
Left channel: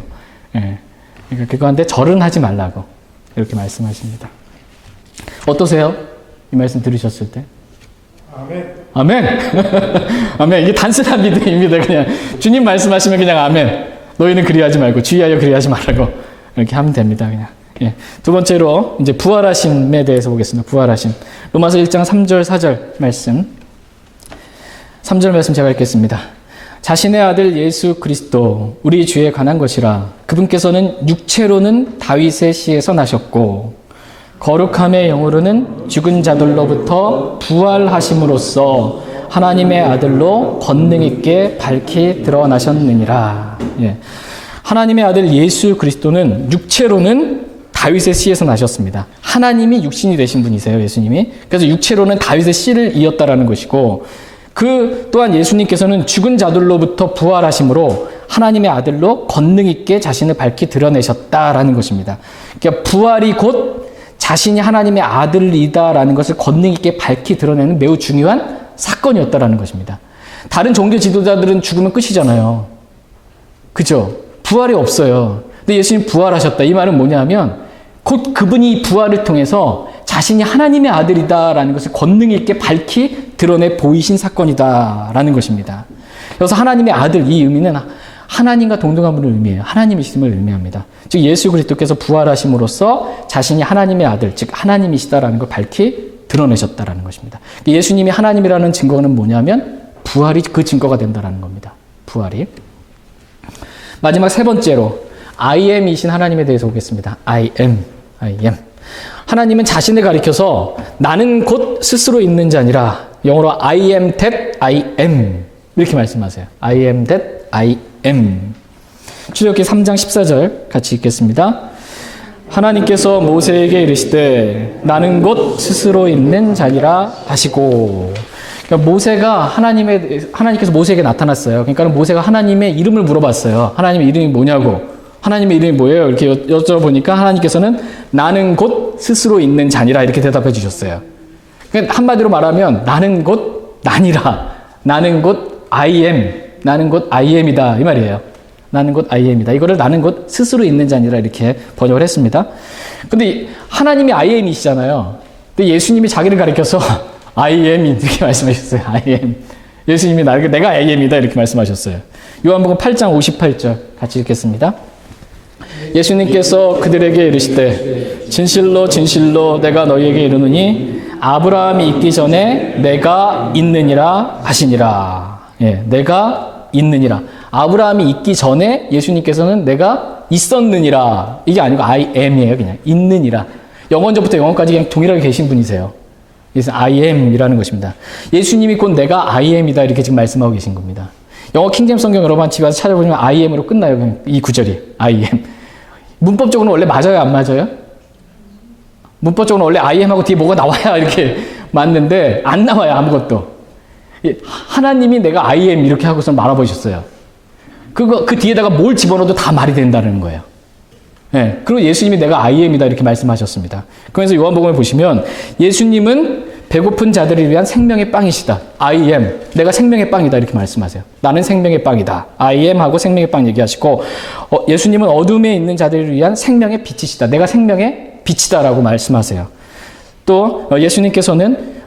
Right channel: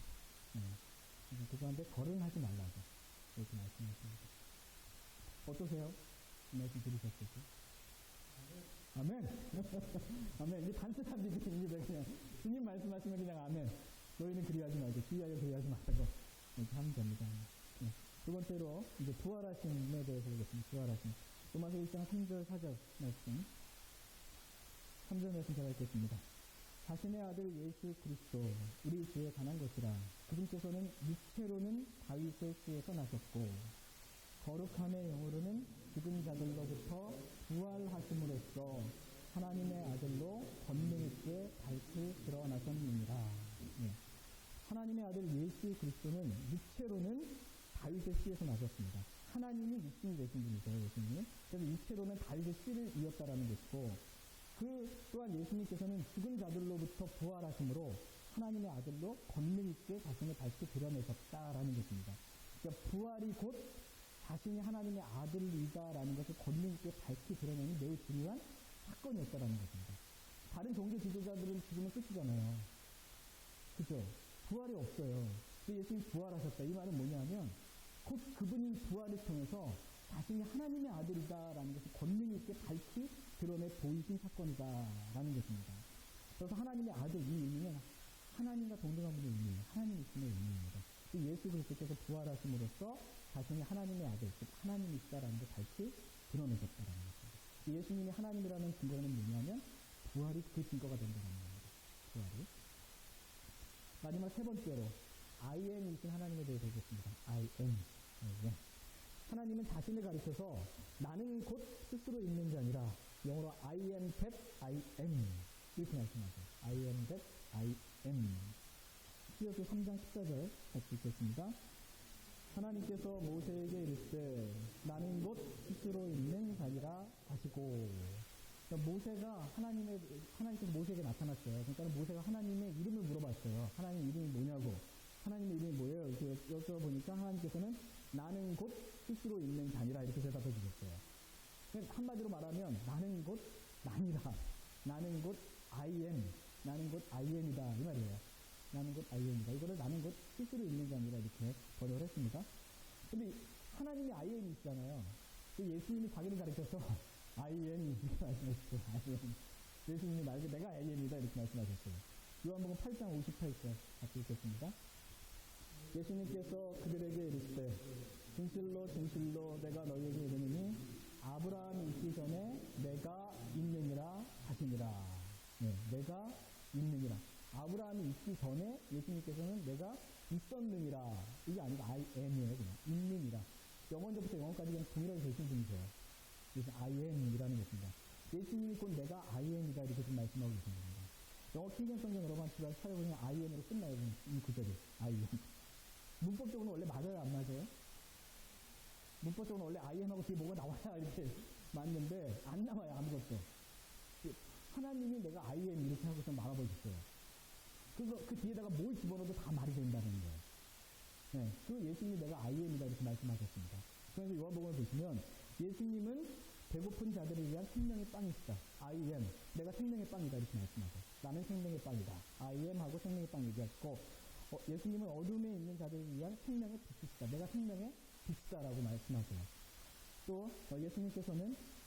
그러니까 그거한테 절은 하지 말라고 이렇게 말씀하십니다. 어떠세요? 이 말씀 들으셨을 때? 아멘. 아멘. 아멘. 이게 단순한 믿음입니다. 그냥 주님 말씀하시면 그냥 아멘. 너희는 그리하지 말고 주의하여 그리하지 말라고 이렇게 하면 됩니다. 그냥. 예. 두 번째로 이제 부활하심에 대해서 보겠습니다. 부활하심. 로마서 1장 3절 4절 말씀. 3절 말씀 제가 읽겠습니다. 자신의 아들 예수 그리스도 우리 주에 관한 것이라 그분께서는 육체로는 다윗의 씨에서 나셨고 거룩함의 영으로는 죽은 자들로부터 부활하심으로써 하나님의 아들로 권능 있게 밝히 드러나셨느니라. 예. 하나님의 아들 예수 그리스도는 육체로는 다윗의 씨에서 나셨습니다. 하나님이 육신이 되신 분이세요, 예수님이. 그래서 육체로는 다윗의 씨를 이었다라는 것이고 그 또한 예수님께서는 죽은 자들로부터 부활하심으로 하나님의 아들로 권능 있게 자신을 밝히 드러내셨다라는 것입니다. 그러니까 부활이 곧 자신이 하나님의 아들이다라는 것을 권능 있게 밝히 드러내는 매우 중요한 사건이었다라는 것입니다. 다른 종교 지도자들은 죽으면 끝이잖아요. 그죠? 부활이 없어요. 근데 예수님 부활하셨다. 이 말은 뭐냐면 곧 그분이 부활을 통해서 자신이 하나님의 아들이다라는 것을 권능 있게 밝히 드러내 보이신 사건이다라는 것입니다. 그래서 하나님의 아들 이 의미는 하나님과 동등한 분을 의미해요. 하나님이심을 의미합니다. 즉 예수 그리스도께서 부활하심으로써 자신이 하나님의 아들, 즉 하나님이시다라는 걸 밝히 드러내셨다라는 것입니다. 예수님이 하나님이라는 증거는 뭐냐면 부활이 그 증거가 된다라는 겁니다. 부활이. 마지막 세 번째로 I am이신 하나님에 대해서 보겠습니다. I am. 하나님은 자신을 가리켜서 나는 곧 스스로 있는 자니라. 영어로 I am that I am 이렇게 말씀하세요. I am that I am. 출애굽기 3장 14절 같이 읽겠습니다. 하나님께서 모세에게 이르시되 나는 곧 스스로 있는 자니라 하시고. 그러니까 모세가 하나님께서 모세에게 나타났어요. 그러니까 모세가 하나님의 이름을 물어봤어요. 하나님의 이름이 뭐냐고. 하나님의 이름이 뭐예요? 이렇게 여쭤보니까 하나님께서는 나는 곧 스스로 있는 자니라 이렇게 대답해 주셨어요. 그러니까 한마디로 말하면 나는 곧 나니라. 나는 곧 I am. 나는 곧 I am이다. 이 말이에요. 나는 곧 I am이다. 이거를 나는 곧 스스로 있는 자니라 이렇게 번역을 했습니다. 근데 하나님이 I am이시잖아요. 근데 예수님이 자기를 가리켜서 I am 이렇게 말씀하셨어요. I am. 예수님이 내가 I am이다 이렇게 말씀하셨어요. 요한복음 8장 58절 같이 읽겠습니다. 예수님께서 그들에게 이르시되 진실로 진실로 내가 너희에게 이르노니 아브라함이 있기 전에 내가 있느니라 하시니라. 예, 내가 있느니라. 아브라함이 있기 전에 예수님께서는 내가 있었느니라. 이게 아니고 I am이에요. 그냥 있느니라. 영원전부터 영원까지 그냥 동일하게 계신 분이세요. 그래서 I am이라는 것입니다. 예수님이 곧 내가 I am이다 이렇게 지금 말씀하고 계신 겁니다. 영어 킹제임스 성경 여러분 집에 와서 찾아보시면 I am으로 끝나요. 그냥 이 구절이 I am. 문법적으로는 원래 맞아요, 안 맞아요? 문법적으로 원래 I am하고 뒤에 뭐가 나와야 이렇게 맞는데 안 나와요. 아무것도. 하나님이 내가 I am 이렇게 하고서 말아보셨어요. 그 뒤에다가 뭘 집어넣어도 다 말이 된다는 거예요. 예. 그리고 예수님이 내가 I am이다 이렇게 말씀하셨습니다. 그래서 요한복음을 보시면 예수님은 배고픈 자들을 위한 생명의 빵이시다. I am. 내가 생명의 빵이다 이렇게 말씀하세요. 나는 생명의 빵이다. I am 하고 생명의 빵 얘기하시고 예수님은 어둠에 있는 자들을 위한 생명의 빛이시다. 내가 생명의 빛이다라고 말씀하세요. 또 예수님께서는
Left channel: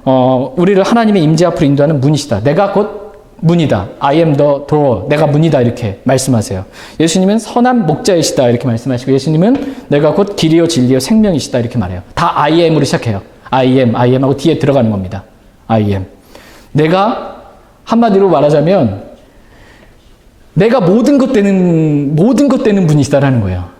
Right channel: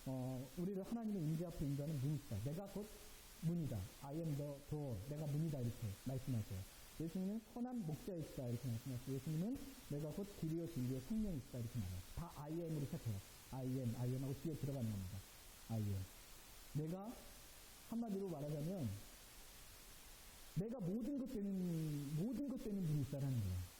우리를 하나님의 임재 앞으로 인도하는 문이시다. 내가 곧 문이다. I am the door. 내가 문이다 이렇게 말씀하세요. 예수님은 선한 목자이시다 이렇게 말씀하시고 예수님은 내가 곧 길이요 진리요 생명이시다 이렇게 말해요. 다 I am으로 시작해요. I am 하고 뒤에 들어가는 겁니다. I am. 내가 한마디로 말하자면 내가 모든 것 되는 분이시다라는 거예요.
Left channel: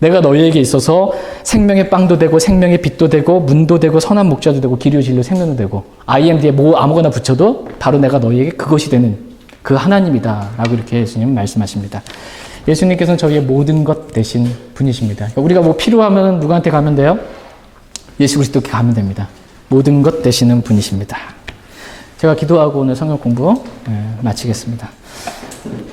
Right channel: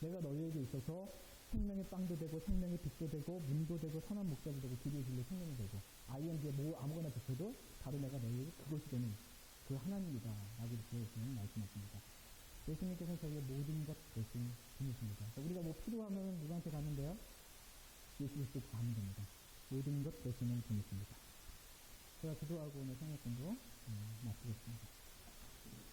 내가 너희에게 있어서 생명의 빵도 되고 생명의 빛도 되고 문도 되고 선한 목자도 되고 길이요 진리요 생명도 되고 I am 뒤에 뭐 아무거나 붙여도 바로 내가 너희에게 그것이 되는 그 하나님이다 라고 이렇게 예수님은 말씀하십니다. 예수님께서는 저희의 모든 것 되신 분이십니다. 그러니까 우리가 뭐 필요하면 누구한테 가면 돼요? 예수 그리스도께 가면 됩니다. 모든 것 되시는 분이십니다. 제가 기도하고 오늘 성경 공부 마치겠습니다.